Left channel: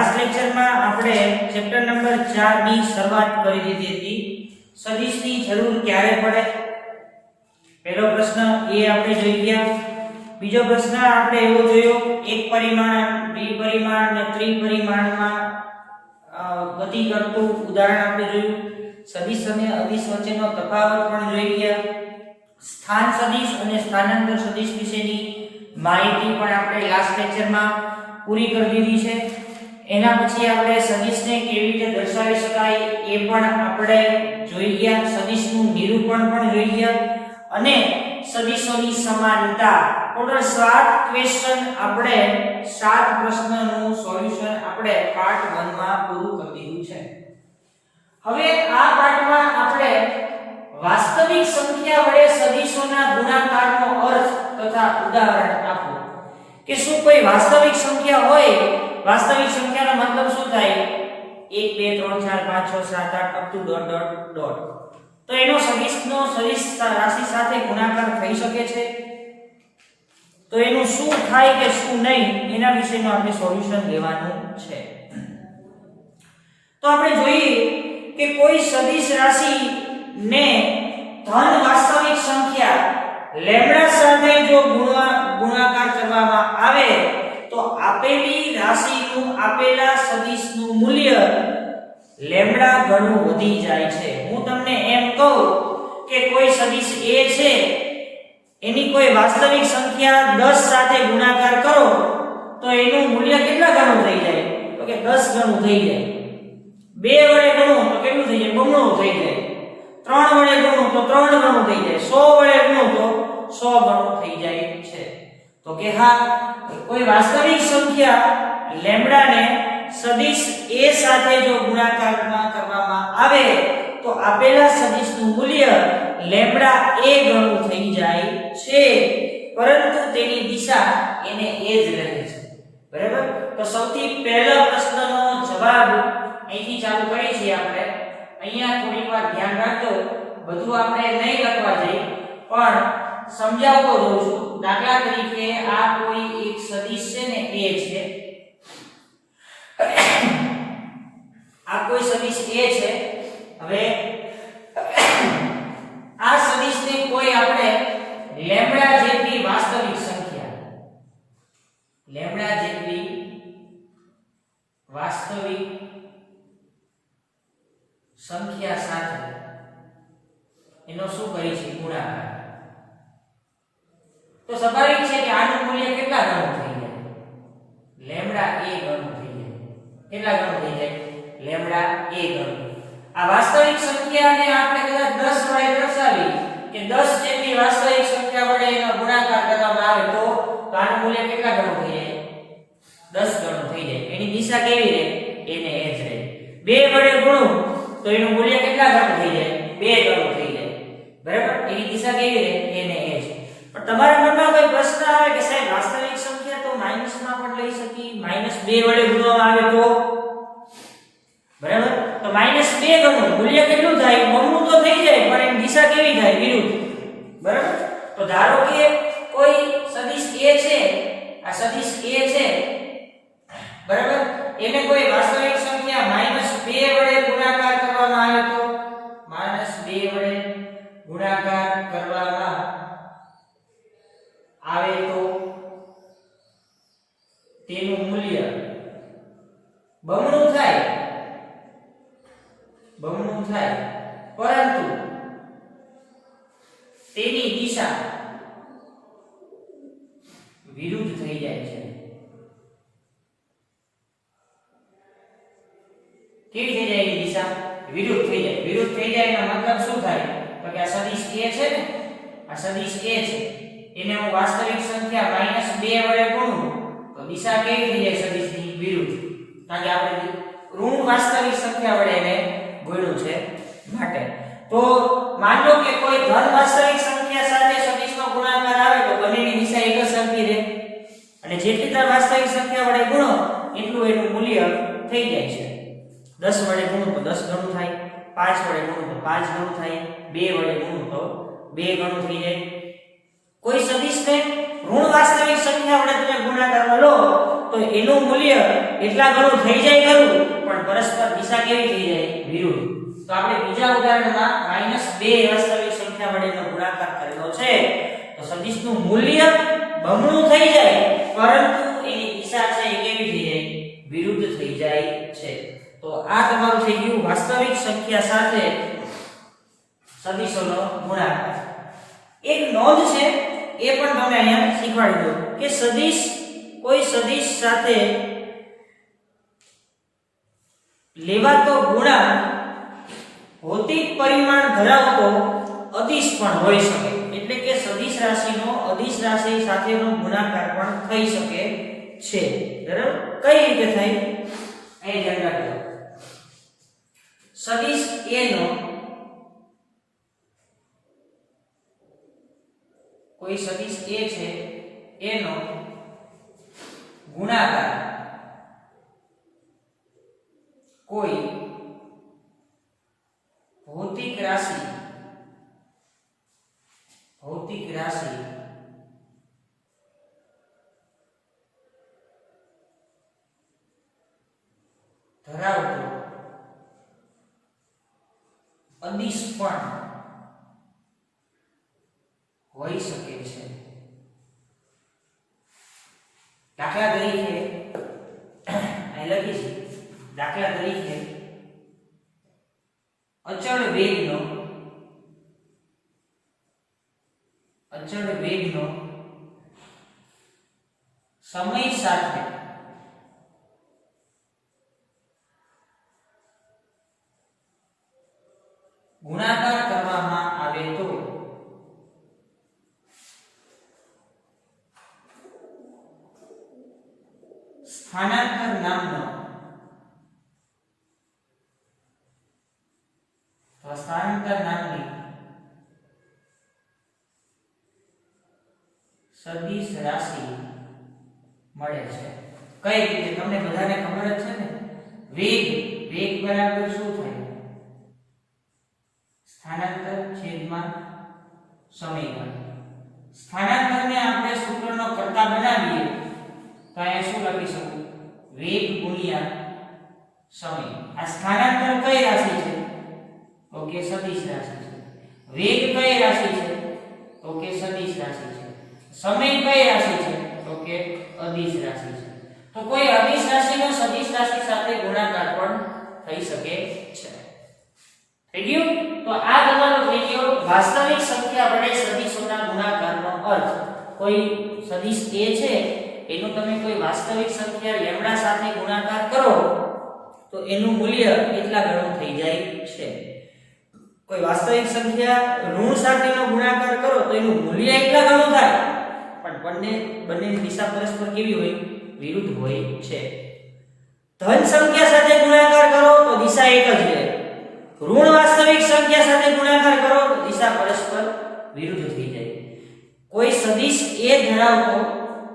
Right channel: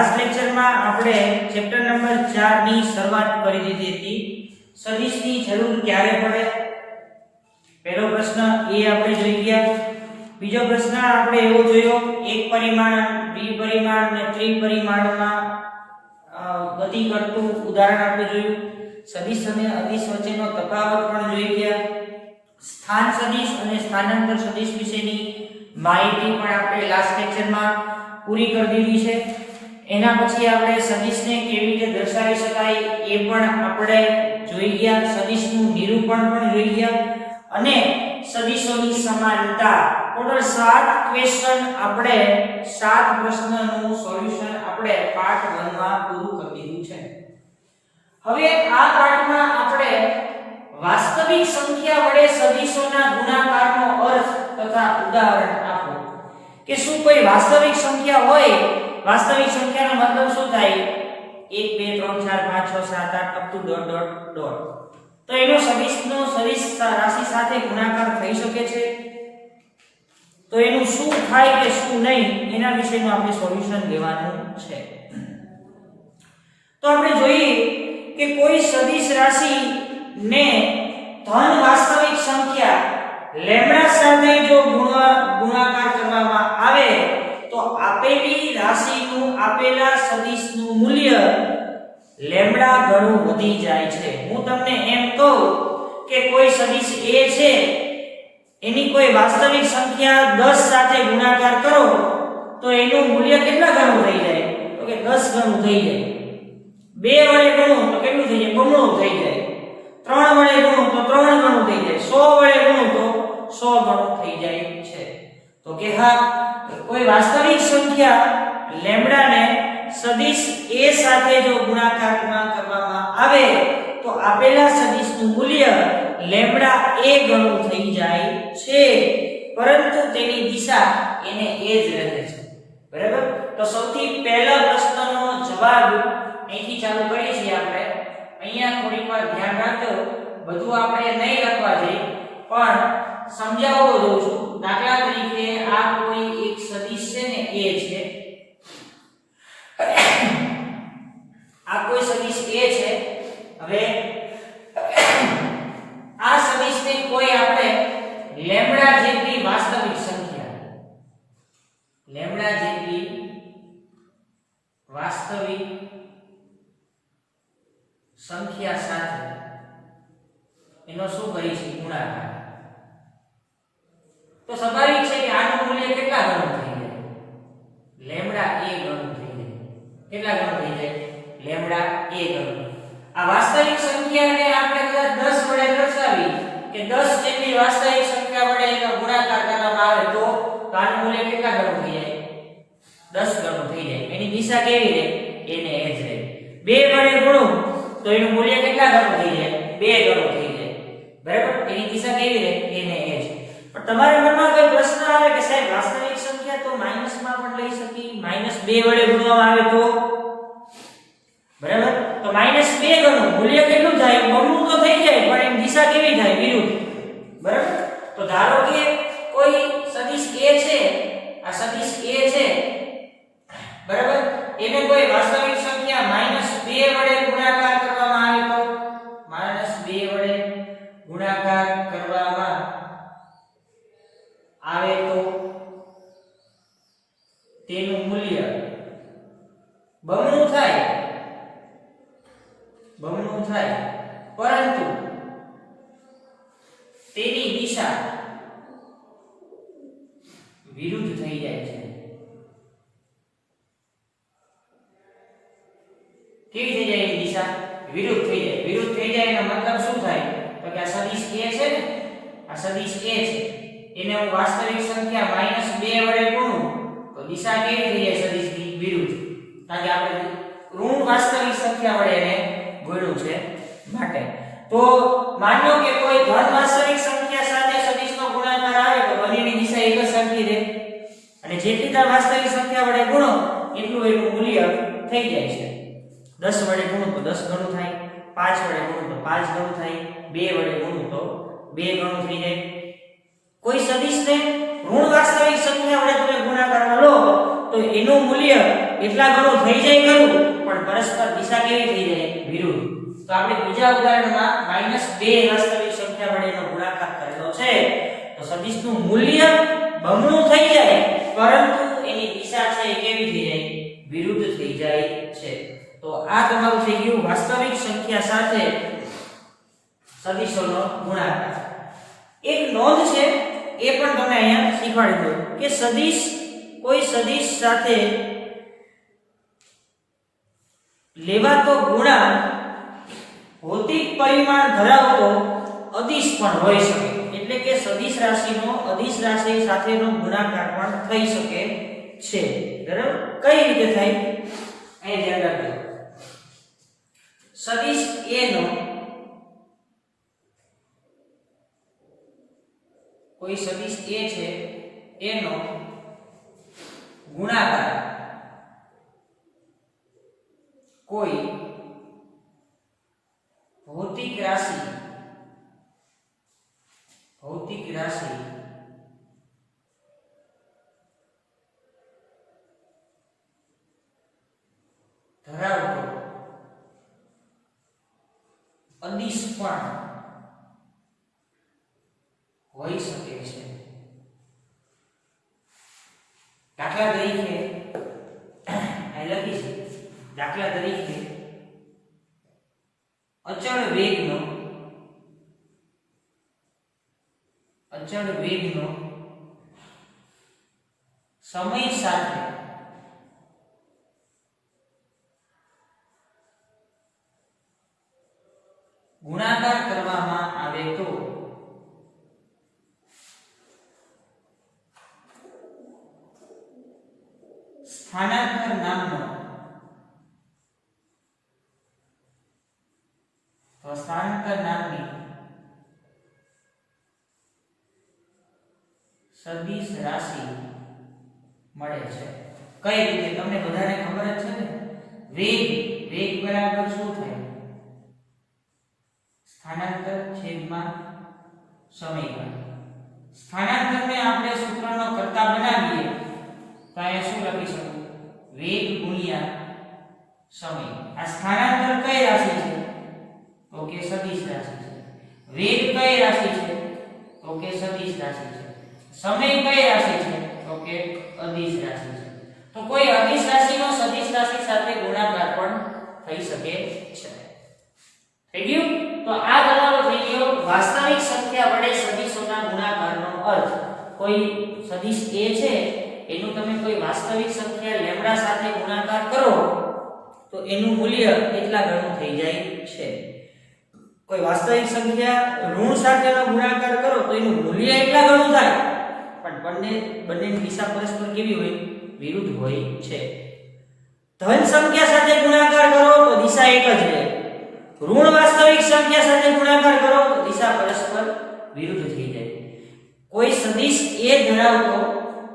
Last લેક્ચરમાં આપણે chapter number 4 ની શરૂઆત કરી દીધી હતી. સદિશની જરૂર ક્યારે પડે? પહેલો પ્રશ્ન એ આપણે જોઈ ગયા. બીજો પ્રશ્ન આપણે એવો જોયો એક પરિમાણ, દ્વિપરિમાણ અને ત્રિપરિમાણમાં ગતિ કરતું ઉદાહરણ આપણે જોયું. સદિશ અને અદિશ વચ્ચેનો તફાવત પણ જોઈ ગયા. સ્થાન સદિશ અને સ્થાનાંતર સદિશ વિશેની માહિતી પણ આપણે લાસ્ટ લેક્ચરમાં પૂરી કરી દીધી છે. એના પછી આપણે સદિશને કેવી રીતે દર્શાવી શકાય એ પણ આપણે જોઈ ગયા. સદિશનું નિરૂપણ પણ જોઈ ગયા અને સદિશોની સમાનતા. ટોટલ 7 ક્વેશ્ચન આપણે 7 પ્રશ્નનું સોલ્યુશન આપણે પાર્ટ 1 માં પૂરું કરી દીધું છે. હવે આ પાઠમાં આપણે વાસ્તવિક સંખ્યા વડે સદિશોના ગુણાકારનો અર્થ તથા ઉદાહરણ આપો. કે શું કોઈ વાસ્તવિક સંખ્યા હોય, વાસ્તવિક સંખ્યાનો મતલબ શું થાય? 1 2 3 4 5 6 7 8 up to dot dot dot. તો એનો સદિશ રાશિ સાથે ગુણાકાર થઈ શકે છે? તો એનું શું થાય કે શું નહીં એના વિશેનું આપણે સોલ્યુશન લેવાનું છે. તો આપણે જોઈએ કે કોઈ સદિશ રાશિ ને ધન વાસ્તવિક સંખ્યા લેમ્ડા સાથે જો ગુણાકાર કરવામાં આવે તો આપેલી રાશિનું આપેલા સદિશનું મૂલ્ય લેમ્ડા ગણું વધી જાય છે. હું તમને એમ કહું કે કોઈ સદિશ a છે એની કોઈ વાસ્તવિક સંખ્યા 10 સાથે ગુણાકાર કરો તો એનું મૂલ્ય કેટલા ગણું થઈ જાય? તો કે 10 ગણું થઈ જાય. 2 વડે ગણું તો કેટલું થઈ જાય? બમણું થઈ જાય. 3 વડે ગણું તો 3 ગણું થઈ જાય. 100 વડે ગણું તો 100 ગણું થઈ જાય છે. તો કે હા, કોઈ વાસ્તવિક સંખ્યા લેમ્ડાને સદિશ a સાથે જો ગુણાકાર કરવામાં આવે તો આપેલા સદિશનું મૂલ્ય લેમ્ડા a ગણું થઈ જાય છે, પરંતુ તેની દિશા એને a જ રહે છે. બરાબર? તો સૌથી પહેલા પ્રશ્નનો જવાબ અહીંથી ચાલુ કરીએ છીએ આપણે. અહીંયા થોડીક વાર ધ્યાન રાખજો, બધું આપણે નહીં લખવા જઈએ પણ સમજાવવો જોઉં છું. દાખલા તરીકે આ કોઈ એક સદિશ છે ને a છે, આ કોઈ સદિશ a છે. હવે આ સદિશને કોઈ આપણે લેમ્ડા જેટલી વાસ્તવિક સંખ્યા, લેમ્ડા જેટલી વાસ્તવિક સંખ્યા સાથે એનો શું કરી છે? ગુણાકાર. તો સ્વાભાવિક છે કે આનું મૂલ્ય કેટલા ગણું થઈ જાય? લેમ્ડા a ગણું થઈ જાય. કેટલા ગણું થઈ જાય? લેમ્ડા a ગણું. આ વાસ્તવિક સંખ્યાને આપણે કદાચ 10 વડે દર્શાવી કે 10 જેટલી વાસ્તવિક સંખ્યા વડે એનો ગુણાકાર કરવામાં આવે તો આનું મૂલ્ય કેટલા ગણું થઈ જાય? 10 ગણું થઈ જાય. એની દિશા કેવી રહે? એને એ જ રહે. 2 વડે ગુણું તો એનું મૂલ્ય કેટલા ગણું થઈ જાય? 2 ગણું થઈ જાય. બરાબર? એની દિશા કેવી રહે? એને એ જ. પણ તમારા મનમાં કોઈ પ્રશ્ન આવે કે સાહેબ વાસ્તવિક સંખ્યા તો માઈનસમાં પણ લઈ શકી, -2 વડે ગુણવામાં આવે તો? બરાબર? તો -2 ગણું મૂલ્ય કેટલું થાય? બમણું તો થઈ જાય પણ એની દિશા કેવી થાય? વિરુદ્ધ. બરાબર? તો ધારો કે કોઈ સદિશ a છે, આ સદિશ a છે, બરાબર, એને કોઈ વાસ્તવિક સંખ્યા -2 વડે ગુણાકાર કરવામાં આવે તો, -2 વડે ગુણાકાર કરવામાં આવે તો તેનું મૂલ્ય બમણું થાય, બમણું થાય, પરંતુ તેની દિશા વિરુદ્ધ થઈ જાય છે. કેવી થઈ જાય? એની દિશા વિરુદ્ધ થઈ જાય. વિરુદ્ધ થઈ જાય એનો મતલબ શું થાય? તો કે આ સદિશ a છે ને, આ સદિશ a છે, એને હું વાસ્તવિક સંખ્યા -2 વડે ગુણું તો દિશા કેવી થઈ જાય? સદિશની વિરુદ્ધ. કારણ કે આપણે ઋણ વાસ્તવિક સંખ્યા વડે એને ગુણ્યું છે માટે. તો માન લો કે કોઈ ધન વાસ્તવિક સંખ્યા સાથે સદિશનો ગુણાકાર આવે તો બંનેની દિશા એક જ સરખી રહે, અને જેટલી તાર વાસ્તવિક સંખ્યા વડે ગુણો એટલું એનું મૂલ્ય થઈ જાય છે. 10 વડે ગુણું તો 10 ગણું થાય, 5 વડે ગુણું તો 5 ગણું થાય, 2 વડે ગુણું તો 2 ગણું થઈ જાય. કોઈ સદિશને ઋણ વાસ્તવિક સંખ્યા વડે તમે ગુણાકારમાં લો તો એનું મૂલ્ય એટલા ગણું થઈ જાય ખરું, પણ પરસ્પર દિશા કેવી થઈ જાય? વિરુદ્ધ. તો આપણે બીજા ઉદાહરણમાં -2 વાસ્તવિક સંખ્યા વડે એનો ગુણાકાર કરેલો છે, તો સદિશનું મૂલ્ય બમણું થઈ જાય, પરંતુ એની દિશા છે એ કેવી થઈ જાય? વિરુદ્ધ થઈ જાય છે. તો આ તમારું થઈ ગયું વાસ્તવિક સંખ્યા સાથે સદિશોનો ગુણાકાર. એક નોંધ છે એ પણ તમને અહીંયા શીખવાડી દઉં કે સદિશ, કોઈ સદિશ સાથે લેવાતો ગુણાંક ભૌતિક પરિમાણ ધરાવતો અદિશ પણ હોઈ શકે. એટલે કે સદિશ રાશિનો અદિશ રાશિ સાથેનો ગુણાકાર પણ થઈ શકે છે. બરાબર? કઈ રીતે થાય એ ધ્યાન રાખજો. સદિશ a નો કોઈ સદિશ a છે એનો ગુણાકાર કોઈ ભૌતિક રાશિ ધરાવતો અદિશ પણ હોઈ શકે છે. દાખલા તરીકે અહીં લખી છે, દાખલા તરીકે અચળ વેગનો સમય સાથે ગુણાકાર કરવામાં આવે તો સ્થાનાંતર નામની સદિશ રાશિ મળે છે. કઈ રીતે? તમને બધાને ખબર જ છે ને, વેગ બરાબર શું થાય? સ્થાનાંતર છેદમાં સમયગાળો. સ્થાનાંતરને આપણે સૂત્રનો કર્તા બનાવીએ તો અહીંયા શું લખી શકું? વેગ ગુણ્યા સમય. આ સ્થાનાંતર કઈ રાશિ છે? ઓકે, સદિશ રાશિ છે. વેગ કઈ રાશિ છે? ઓકે, સદિશ રાશિ છે. સમય કઈ રાશિ છે? ઓકે, અદિશ રાશિ છે. તો કોઈ અદિશ રાશિનો સદિશ રાશિ સાથે ગુણાકાર પણ થઈ શકે છે. થઈ ગયું? તો આ તમારો થઈ ગયો વાસ્તવિક સંખ્યા વડે સદિશોના ગુણાકારનો અર્થ. કોઈ સદિશ a છે એનું તમે કોઈ વાસ્તવિક સંખ્યા લેમ્ડા સાથે ગુણાકાર કરો તો એનું મૂલ્ય એટલા ગણું થઈ જાય છે. કોઈ વાસ્તવિક સંખ્યા ઋણ સાથેનો ગુણાકાર કરો તો એનું મૂલ્ય એટલા ગણું થાય, પણ બંનેની દિશા પરસ્પર કેવી હોય? વિરુદ્ધ હોય છે. ધન સંખ્યા સાથે ગુણાકાર કરો તો દિશા એક જ રહે. ઋણ વાસ્તવિક સંખ્યા સાથે ગુણાકાર કરો તો દિશા પરસ્પર વિરુદ્ધ થઈ જાય. કોઈ સદિશ a ધરાવતો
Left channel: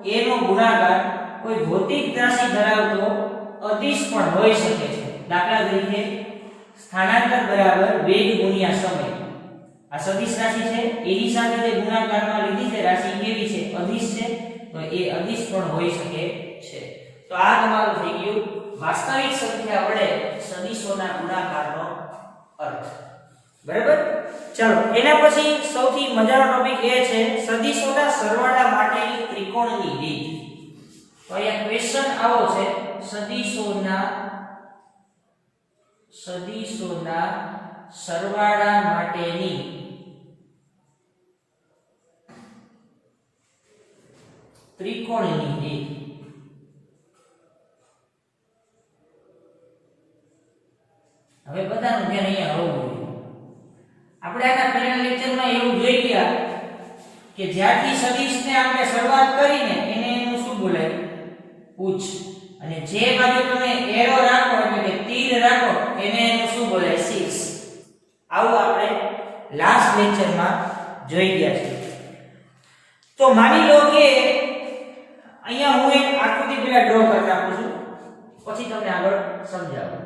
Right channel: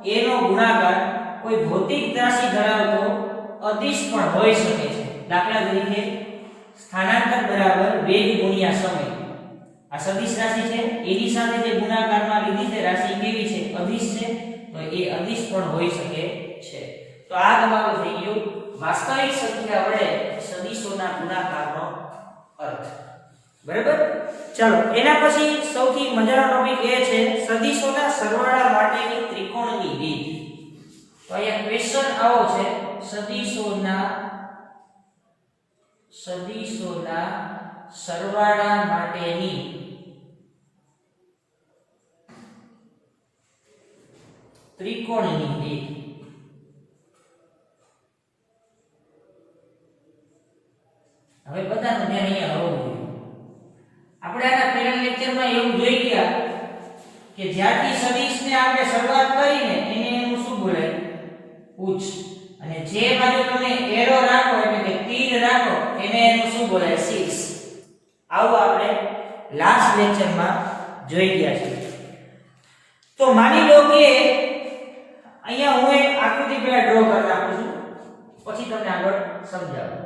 a નો ગુણાકાર કોઈ ભૌતિક રાશિ ધરાવતો અદિશ પણ હોઈ શકે છે. દાખલા તરીકે સ્થાનાંતર બરાબર વેગ ગુણ્યા સમય. આ સદિશ રાશિ છે, એની સાથે જે ગુણાકારમાં લીધી છે રાશિ કેવી છે? અદિશ છે. તો એ અદિશ પણ હોઈ શકે છે. તો આ તમારું થઈ ગયું વાસ્તવિક સંખ્યા વડે સદિશોના ગુણાકારનો અર્થ. બરાબર? ચાલો, એના પછી સૌથી મજાનો ટોપિક એ છે સદિશોના સરવાળા માટેની ત્રિકોણની રીત. તો અહીંયા ક્વેશ્ચન આવો છે, સદિશોના સરવાળા માટેની ત્રિકોણની રીત. હવે બધાનું ધ્યાન અહીંયા હોવું જોઈએ. આપણે આના પહેલા લેક્ચરમાં એવું જોઈ ગયા કે જ્યાંથી સદિશને આપણે શરૂઆત કરીને એને એનું શું બોલાય? ઉચ્ચ. અને જે બાજુ તમે એરો રાખો એટલે કે તીર રાખો એને એનું શું બોલાય? શીર્ષ. આવું આપણે લાસ્ટ લેક્ચરમાં જોઈ ગયા છે. તો માની લો કે અહીંયા હું એક આકૃતિ પહેલા ડ્રો કરી નાખું છું, પછી તમને આગળ સમજાવું.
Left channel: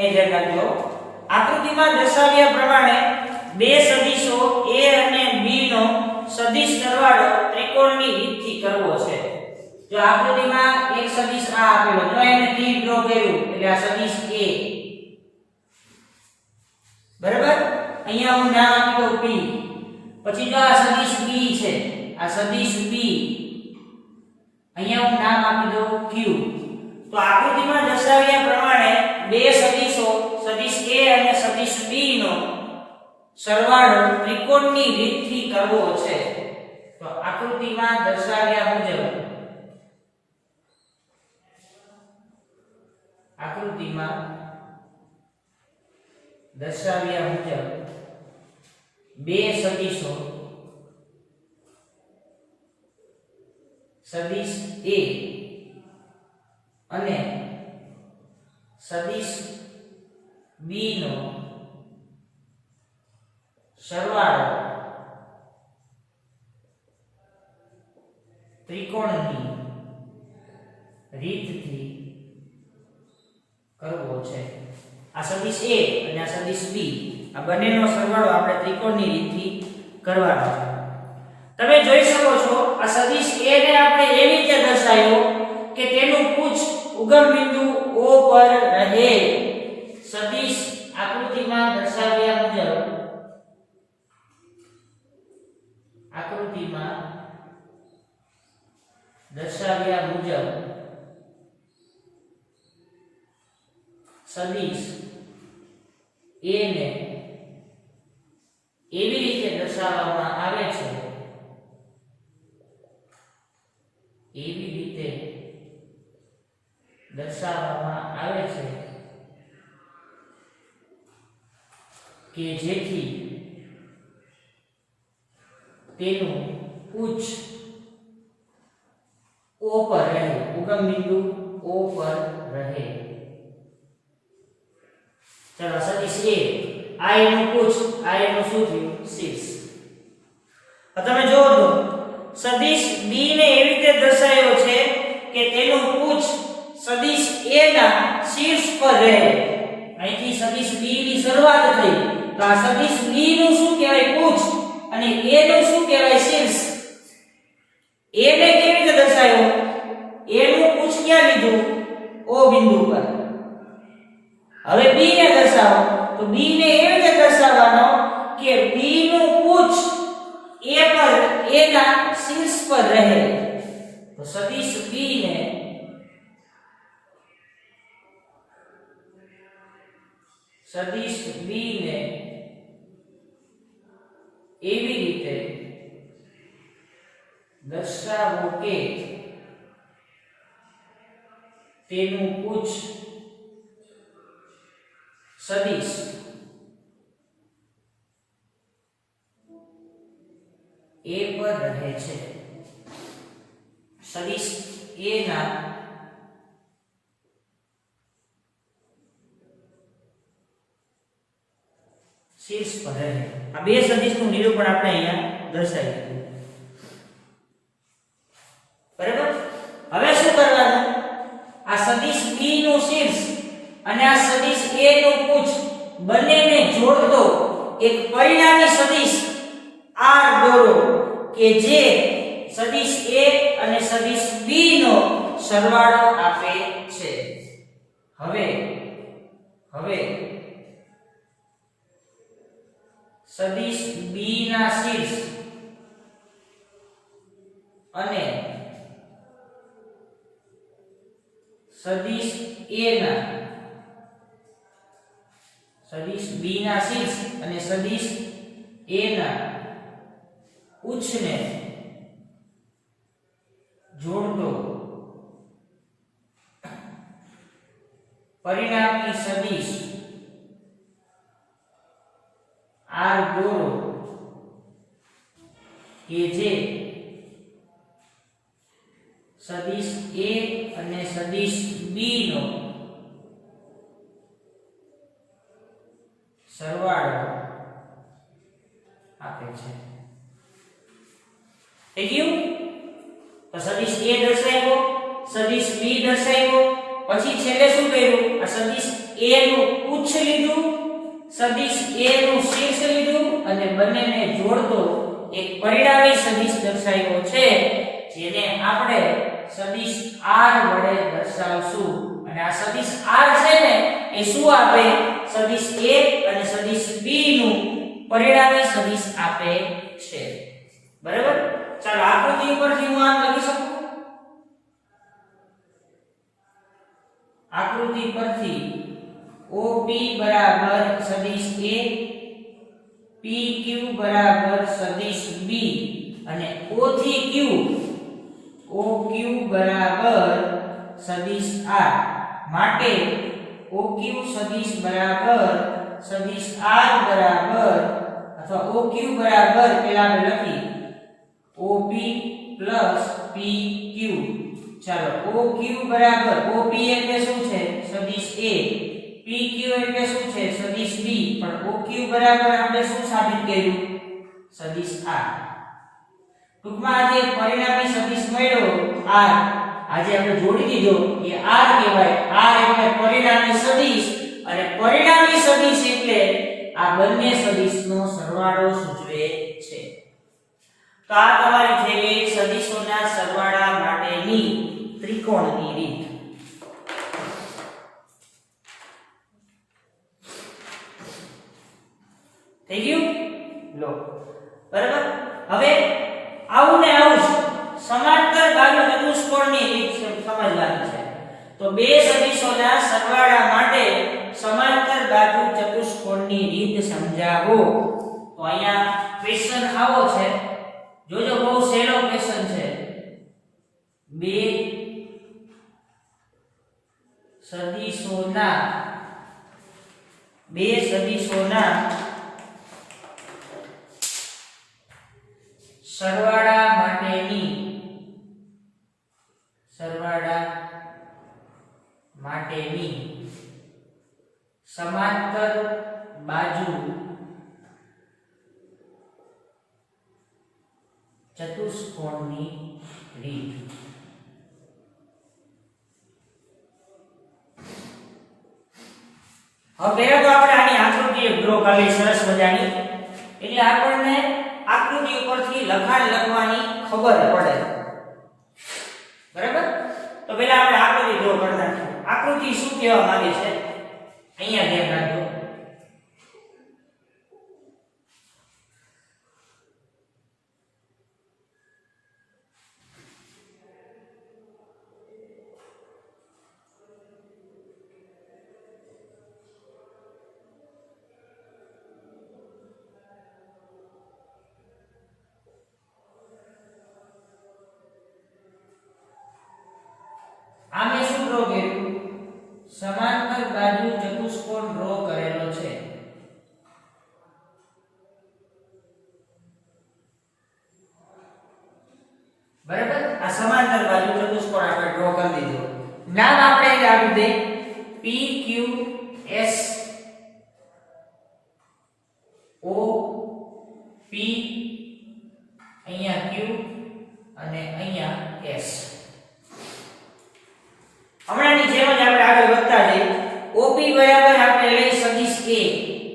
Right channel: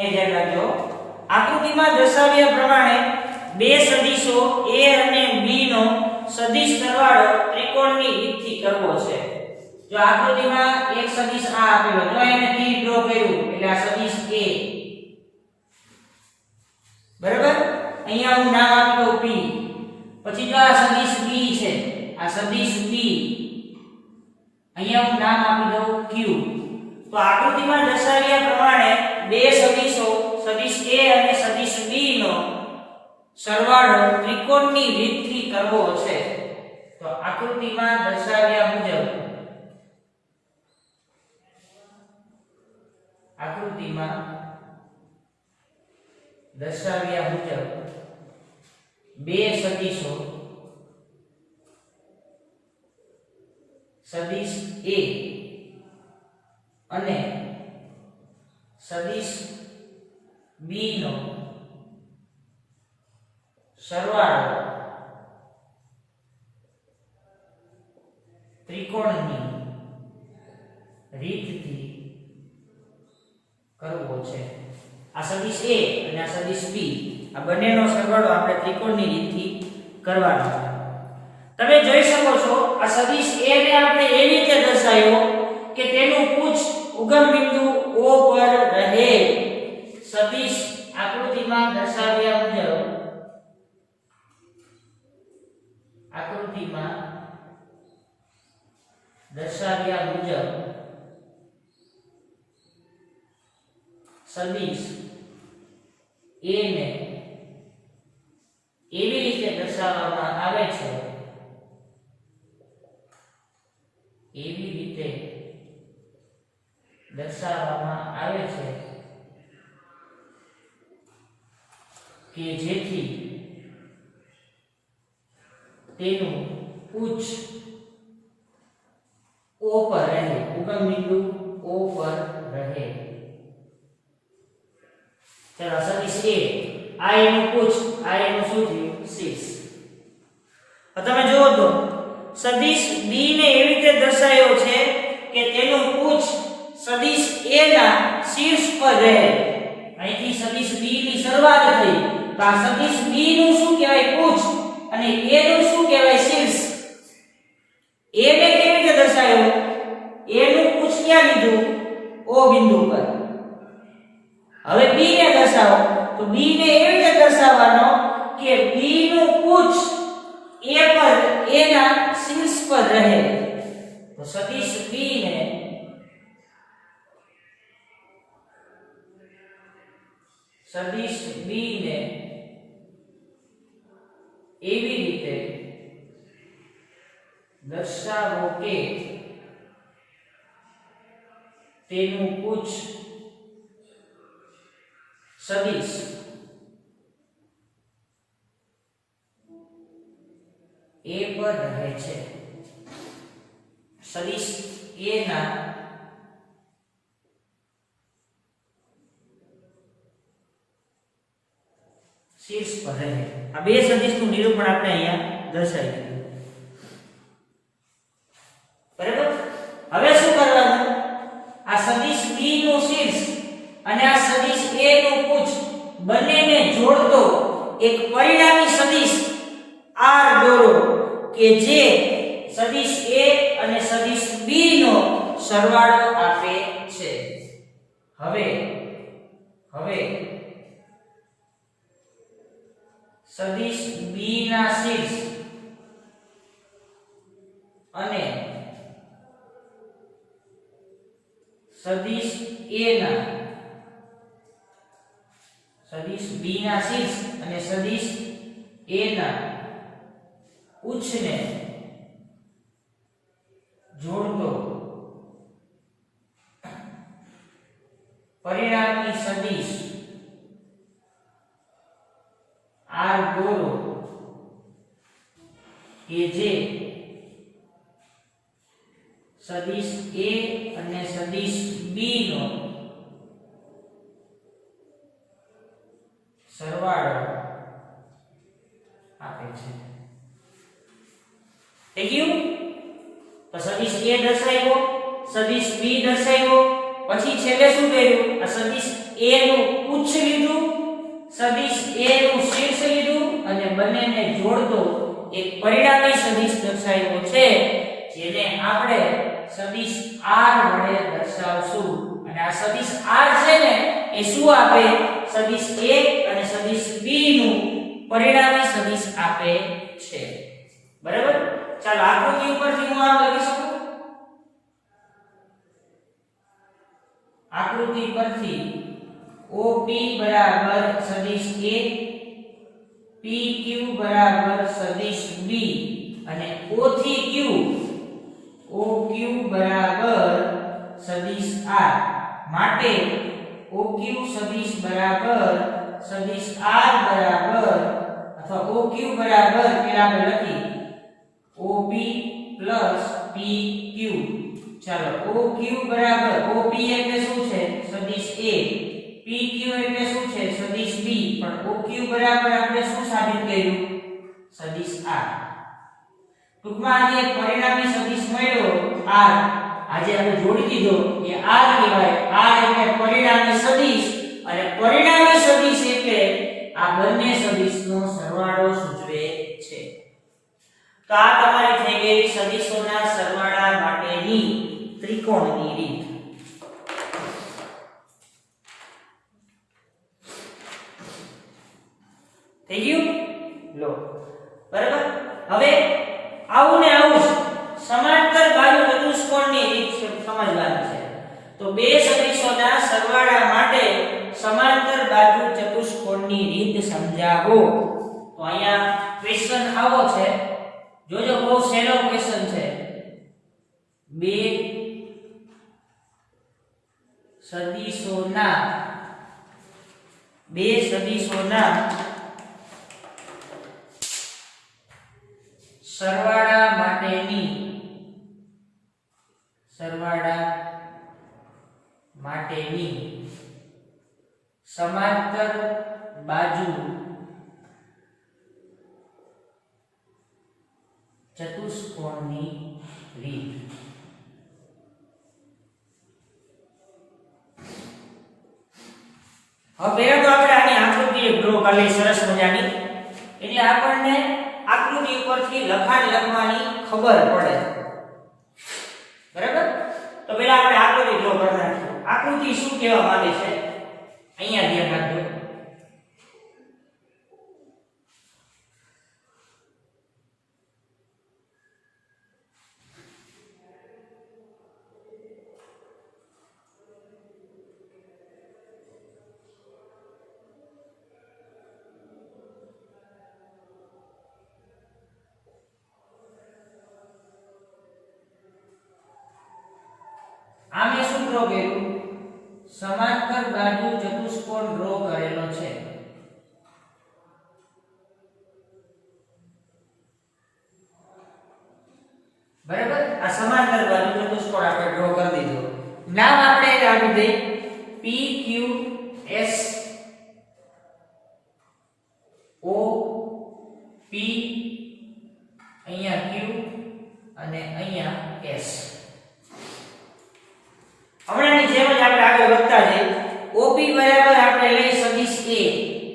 એ ધ્યાન રાખજો. આકૃતિમાં દર્શાવ્યા પ્રમાણે બે સદિશો a અને b નો સદિશ સરવાળો ત્રિકોણની રીતથી કરવો છે. જો આકૃતિમાં એક સદિશ આ આપેલો, જો એને તીર ડ્રો કર્યું એટલે આ સદિશ a, બરાબર. અહીંયા હું નામ આપી દઉં p. પછી જો આ સદિશ b છે, આ સદિશ b, અહીંયા હું નામ આપી દઉં q. તો આકૃતિમાં દર્શાવ્યા પ્રમાણે બે સદિશો સદિશ a અને સદિશ b નો સરવાળો ત્રિકોણની રીતથી કરવો છે. તો આકૃતિમાં દર્શાવ્યા મુજબ બે સદિશો સદિશ a અને સદિશ b નો સરવાળો ત્રિકોણની રીતથી કરવો છે. આ સદિશ a અને આ સદિશ b, આ બંનેનો સરવાળો આપણે ત્રિકોણની રીતથી કરવાનો છે. તમે જોઈ શકો છો આ સદિશ a ને આપણે એવી રીતે દર્શાવ્યો કે તેનું પૂછ ઉગમ બિંદુ o પર રહે. સદિશ આકૃતિમાં દર્શાવ્યા મુજબ સદિશ a ને એવી રીતે દર્શાવવામાં આવે છે, કે જેથી તેનું ઉચ્ચ o પર રહે, ઉગમ બિંદુ o પર રહે. ચલો સદિશ a, આ એનું ઉચ્ચ, આ એનું શું થયું? શીર્ષ. હવે તમે જોવો તો સદિશ b ને એવી રીતે દર્શાવ્યો છે કે તેનું ઉચ્ચ સદિશ a ના શીર્ષ પર રહે. અહીંથી સદિશ b ની શરૂઆત થઈ, તો આ સદિશ b નું શું કહેવાય? ઉચ્ચ, અને a નું શું કહેવાય? શીર્ષ. a ને કેવી રીતે દર્શાવ્યો? a નું ઉચ્ચ ક્યાં લીધું? o બિંદુ પર. હવે b ને દર્શાવો, તો b ને એવી રીતે દર્શાવવાનો કે b નું ઉચ્ચ a પર, a ના શીર્ષ પર રહે. તો સદિશ b ને એવી રીતે દર્શાવો કે તેનું ઉચ્ચ સદિશ a પર રહે છે. સદિશ a ના શીર્ષ પર રહે. આ બે સદિશનું નિરૂપણ આપણે અહીંયા દર્શાવી દીધું. બરાબર. હવે શું કરવાનું? આ સદિશ b નું શીર્ષ અને આ સદિશ a નું ઉચ્ચ બંનેને જોડતો એક પરિણામી સદિશ r દોરો કે જે સદિશ a અને સદિશ b નો સરવાળો આપે છે. હવે સદિશ b ના શીર્ષ અને સદિશ a ના સદિશ b ના શીર્ષ અને સદિશ a ના ઉચ્ચને જોડતો પરિણામી સદિશ r દોરો કે જે સદિશ a અને સદિશ b નો સરવાળો આપે છે. થઈ ગયું? તો સદિશ a દર્શાવ્યો, સદિશ b દર્શાવ્યો, પછી છેલ્લે શું કર્યું? આ સદિશ a નું ઉચ્ચ લીધું, સદિશ A નું શીર્ષ લીધું અને બંનેને જોડતો એક પરિણામી સદિશ દર્શાવ્યો છે, જેને આપણે સદિશ R વડે દર્શાવશું. અને આ સદિશ R છે ને એ શું આપે? સદિશ A અને સદિશ B નું પરિણામી સદિશ આપે છે. બરાબર? ચાલો આકૃતિ ઉપરથી હું આમ લખી શકું. આકૃતિ પરથી OP બરાબર સદિશ A, PQ બરાબર સદિશ B અને O થી Q OQ બરાબર સદિશ R માટે OQ સદિશ બરાબર સદિશ R બરાબર અથવા OQ બરાબર પેલા આપણે લખી OP પ્લસ PQ. ચાલો OQ બરાબર OP એટલે શું છે? સદિશ A. PQ એટલે શું છે? સદિશ B. પણ OQ બરાબર આપણે શું સાબિત કર્યું? સદિશ R. ટૂંકમાં આજે પરિણામી સદિશ મળ્યો R, આજે આપણે જોડી દીધો એ R કહેવાય. R એટલે પરિણામી સદિશ અને પરિણામી સદિશ એટલે આ બંને સદિશનો સરવાળો સૂચવે છે. તો આ તમારી થઈ ગઈ સદિશોના સરવાળા માટેની ત્રિકોણની રીત. થઈ ગયું? લો બરાબર. હવે આવું ને આવું સમાંતર બાજુ ચતુષ્કોણની રીત સમજવાની છે. તો બે સદિશોના સરવાળા માટે સમાંતર બાજુ ચતુષ્કોણની રીત સમજાવો. તો અહીંયા ક્વેશ્ચન આવો છે, જોજો બહુ સહેલો ક્વેશ્ચન છે. બે સદિશોના સરવાળા માટેની સમાંતર બાજુ ચતુષ્કોણની રીત. હવે પહેલા તો આપણે આની આકૃતિ ડ્રો કરી સરસ મજાની, એટલે આપણને આકૃતિ ઉપરથી લખાણ લખવાની ખબર પડે. બરાબર? તો પહેલા આપણે આકૃતિ ડ્રો કરી નાખીએ. આકૃતિ શું કહેવા માંગે છે અહીંયા ધ્યાન રાખજો. આમે શું ડ્રો કર્યું? સમાંતર બાજુ ચતુષ્કોણ ડ્રો કરેલો છે. બરાબર? આ સમાંતર બાજુ ચતુષ્કોણ આપણે ડ્રો કરી દીધો. નામ આપણે આપી દે PQS O P, અહીંયા Q અને અહીંયા S. હમણાંની જેમ જ આપણે આગળ વધતા જઈએ. OP બરાબર આપણે લઈ સદિશ A.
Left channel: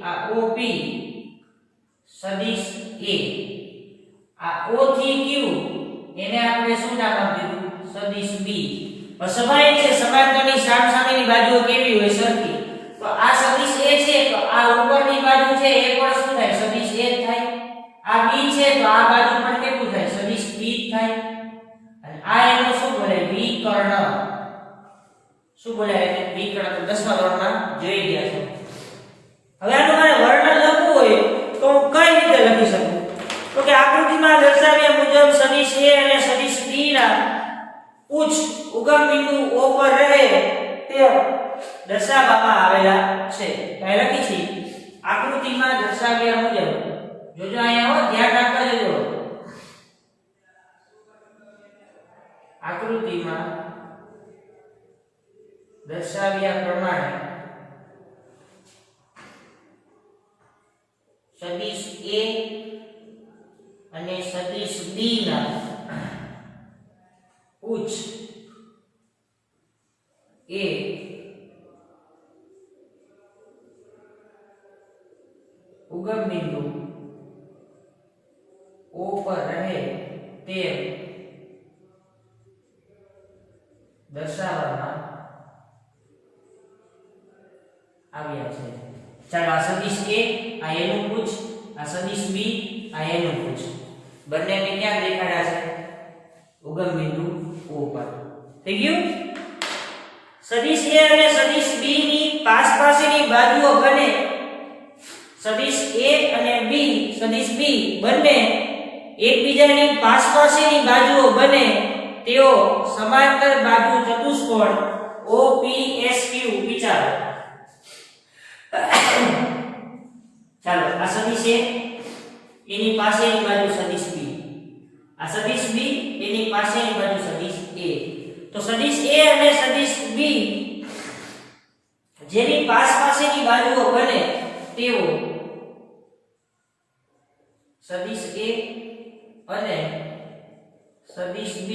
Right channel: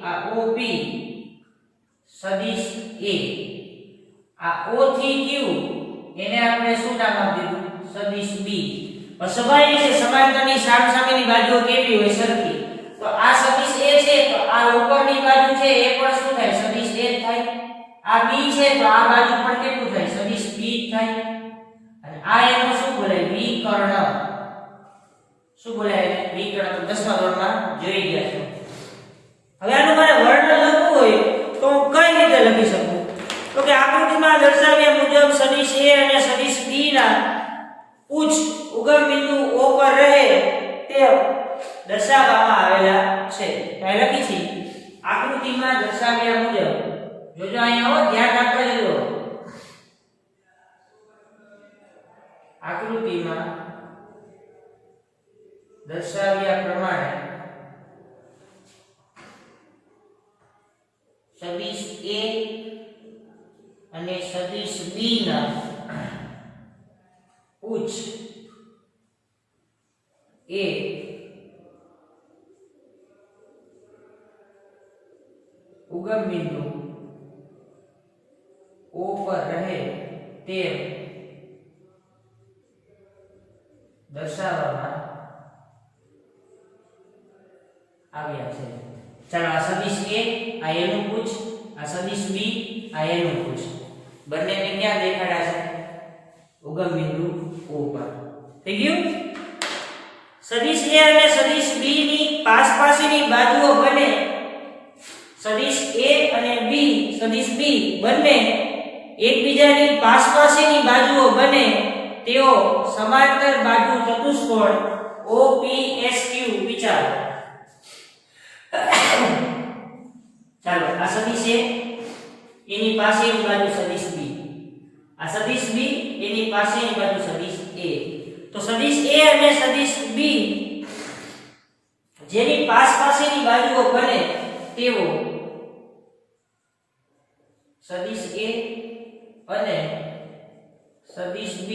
આ OP સદિશ A. આ O થી Q એને આપણે શું નામ આપ્યું? સદિશ B. સ્વાભાવિક છે સમાંતરની સામસામેની બાજુઓ કેવી હોય? સરખી. તો આ સદિશ A છે તો આ ઉપરની બાજુ છે એ પણ શું થાય? સદિશ A થાય. આ B છે તો આ બાજુ પણ કેટલું થાય? સદિશ B થાય. અને આ એનો શું બોલાય? વિકર્ણ. શું બોલાય? વિકર્ણ. તો 10મા ધોરણમાં જોઈ ગયા છો. હવે આનું મારે વર્ણન લખવું હોય તો હું કઈ રીતે લખી શકું? તો કે આકૃતિમાં દર્શાવ્યા મુજબ સદિશ A અને સદિશ B ના ઉચ્ચ ઉગમ બિંદુ O પર રહે તે દર્શાવવામાં આવેલા છે. કાઈ લખી છે આકૃતિમાં દર્શાવ્યા મુજબ. જોજો અહીંયા હો, ધ્યાન રાખવા જજો. આકૃતિમાં દર્શાવ્યા પ્રમાણે સદિશ A અને સદિશ B ના ઉચ્ચ A ઉગમ બિંદુ O પર રહે તેમ દર્શાવવામાં આવ્યા છે. ચાલો આ સદિશ A આ A નું પૂછ, આ સદિશ B આ A નું પૂછ. બંનેને ક્યાં દેખાડ્યા છે? ઉગમ બિંદુ O પર. થઈ ગયું? સદિશ A અને સદિશ B ની પાસપાસીની બાજુઓ બને સદિશ A અને B સદિશ B બંને એકબીજાની પાસપાસીની બાજુઓ બને તેઓ સમાંતર બાજુ ચતુષ્કોણ OPSQ વિચારો. ચાલો આ સદિશ A એની પાસેની બાજુ સદિશ B, આ સદિશ B એની પાસેની બાજુ સદિશ A. તો સદિશ A અને સદિશ B જેની પાસપાસેની બાજુઓ બને તેઓ સદિશ A અને સદિશ B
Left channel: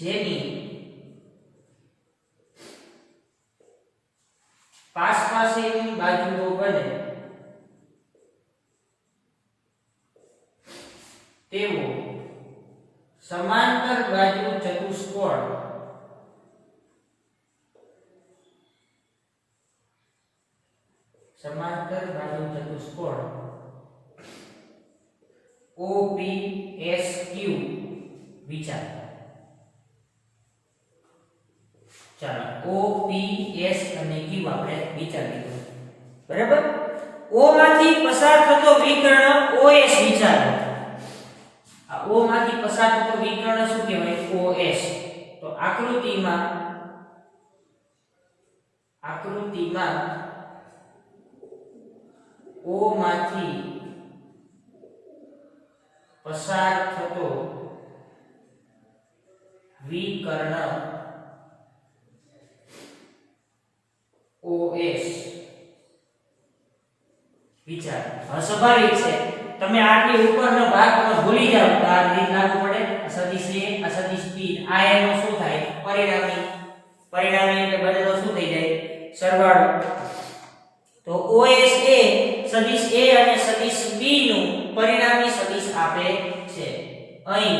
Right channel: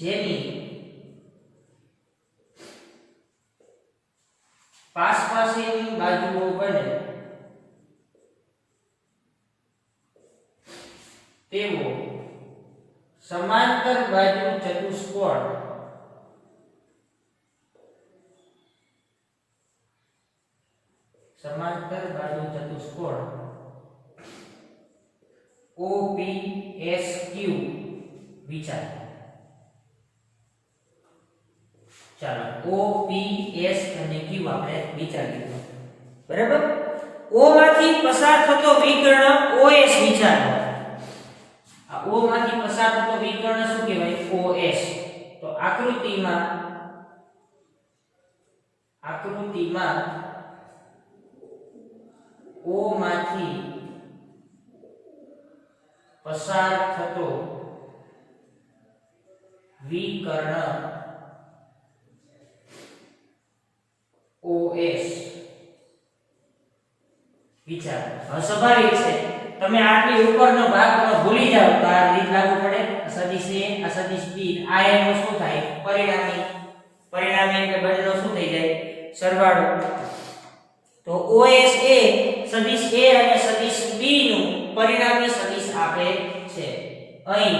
જેની પાસપાસેની બાજુઓ બને તેઓ સમાંતર બાજુ ચતુષ્કોણ OPSQ વિચાર. ચાલો OPS અને Q આપણે વિચારી લીધું. બરાબર? O માંથી પસાર થતો વિકર્ણ OS વિચારો. આ O માંથી પસાર થતો વિકર્ણ શું કહેવાય? OS. તો આકૃતિમાં O માંથી પસાર થતો વિકર્ણ OS વિચાર. હવે સ્વાભાવિક છે તમે આટલી ઉપરનો ભાગ તમે ભૂલી જાવ તો આ રીત લાગુ પડે. સદિશ A આ સદિશ B આ એનો શું થાય? પરિણામી એટલે બંનેનો શું થઈ જાય? સરવાળો. તો OS એ સદિશ A અને સદિશ B નું પરિણામી સદિશ આપે છે. અહીં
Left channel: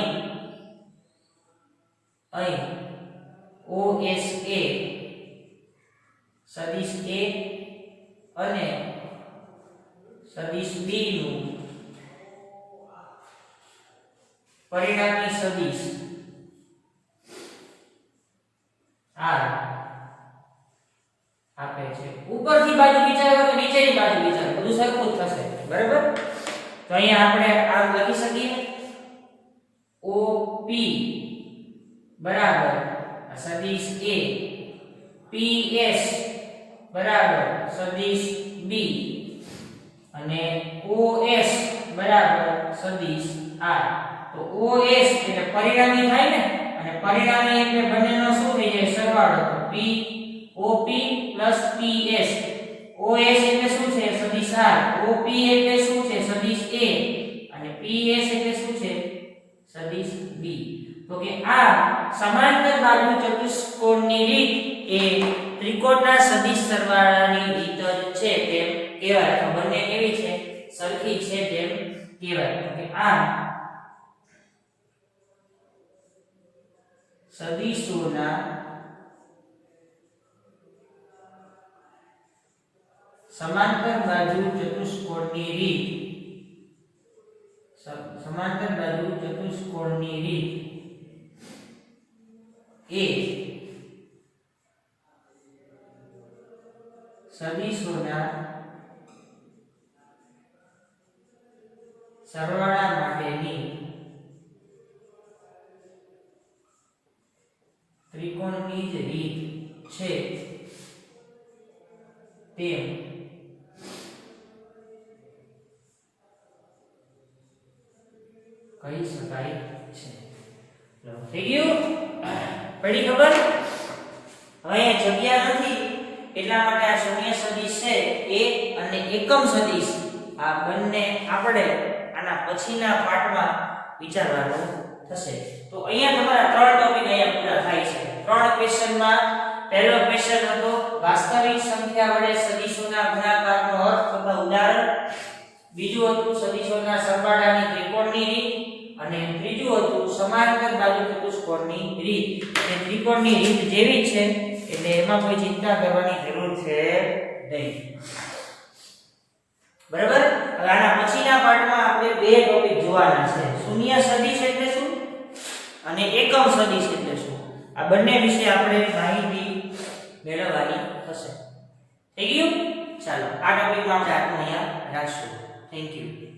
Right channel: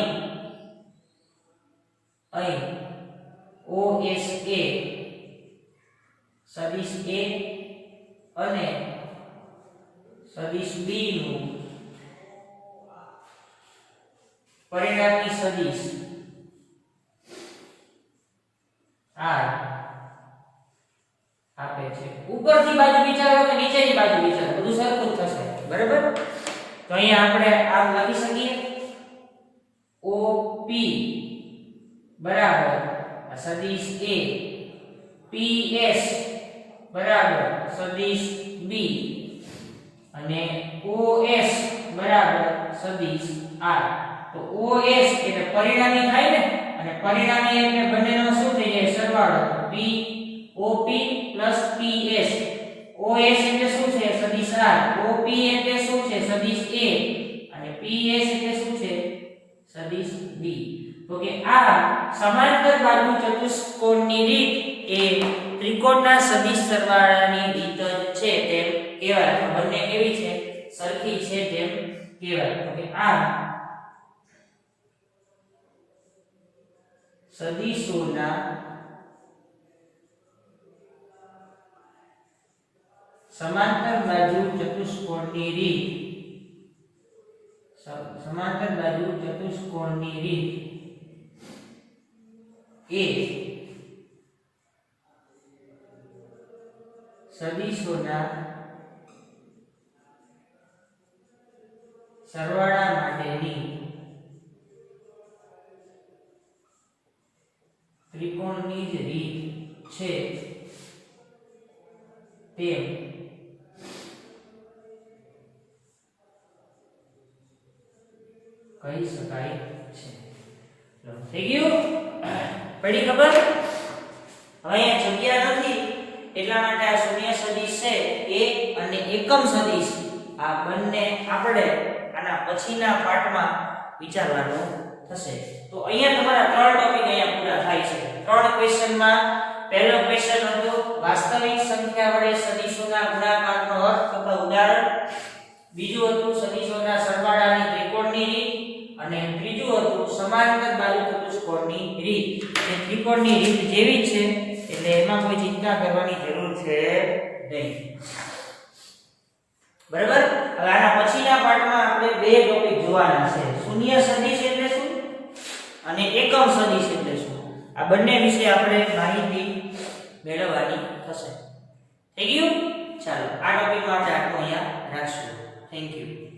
OS એ સદિશ A અને સદિશ B નું પરિણામી સદિશ R આપે છે. ઉપરથી બાજુ વિચારો કે નીચેની બાજુ વિચારો બધું સરખું જ થશે. બરાબર? તો અહીંયા આપણે આ લખી શકીએ OP બરાબર સદિશ A, PS બરાબર સદિશ B અને OS બરાબર સદિશ R. તો OS એટલે પરિણામી થાય ને, અને પરિણામી એટલે બંનેનો શું થઈ જાય? સરવાળો. તો P OP PS. OS એટલે શું છે? સદિશ R. OP એટલે શું છે? સદિશ A અને PS એટલે શું છે? સદિશ B. તો કે આ સમાંતર બાજુ ચતુષ્કોણની રીત એ ત્રિકોણના સદિશ સરવાળાની રીત જ છે તેમ કહેવાય. તો બંને કેવી છે? સરખી છે તેમ કહેવાય. તો કે આ સદિશોના સમાંતર બાજુ ચતુષ્કોણની રીત એ સદિશોના સરવાળા માટેની ત્રિકોણની જ રીત છે તેમ કહી શકાય છે. થઈ ગયું? પડી ખબર? હવે અહીંયા જગ્યા નથી એટલા માટે આ શૂન્ય સદિશ છે એ અને એકમ સદિશ આ બંને આપણે આના પછીના પાઠમાં વિચારવાનું થશે. તો અહીંયા તમારા ત્રણ ટોપિક અહીંયા પૂરા થાય છે. ત્રણ ક્વેશ્ચનમાં પહેલો ક્વેશ્ચન હતો વાસ્તવિક સંખ્યા વડે સદિશોના ગુણાકારનો અર્થ અથવા ઉદાહરણ. બીજું હતું સદિશોના સરવાળાની ત્રિકોણની રીત અને ત્રીજું હતું સમાંતર બાજુ ચતુષ્કોણની રીત. એ ત્રિકોણની રીત જેવી જ છે એટલે એમાં કોઈ ચિંતા કરવાની જરૂર છે નહીં. બરાબર. હવે આના પછીના પાઠમાં આપણે બે ટોપિક જોવાના છે. શૂન્ય સદિશ એટલે શું અને એકમ સદિશ એટલે શું. આ બંને વિશે આપણે માહિતી મેળવવાની થશે. થઈ ગયું? ચાલો આ ટોપિકમાં આપણે આપણું અહીંયા રાખશું. Thank you.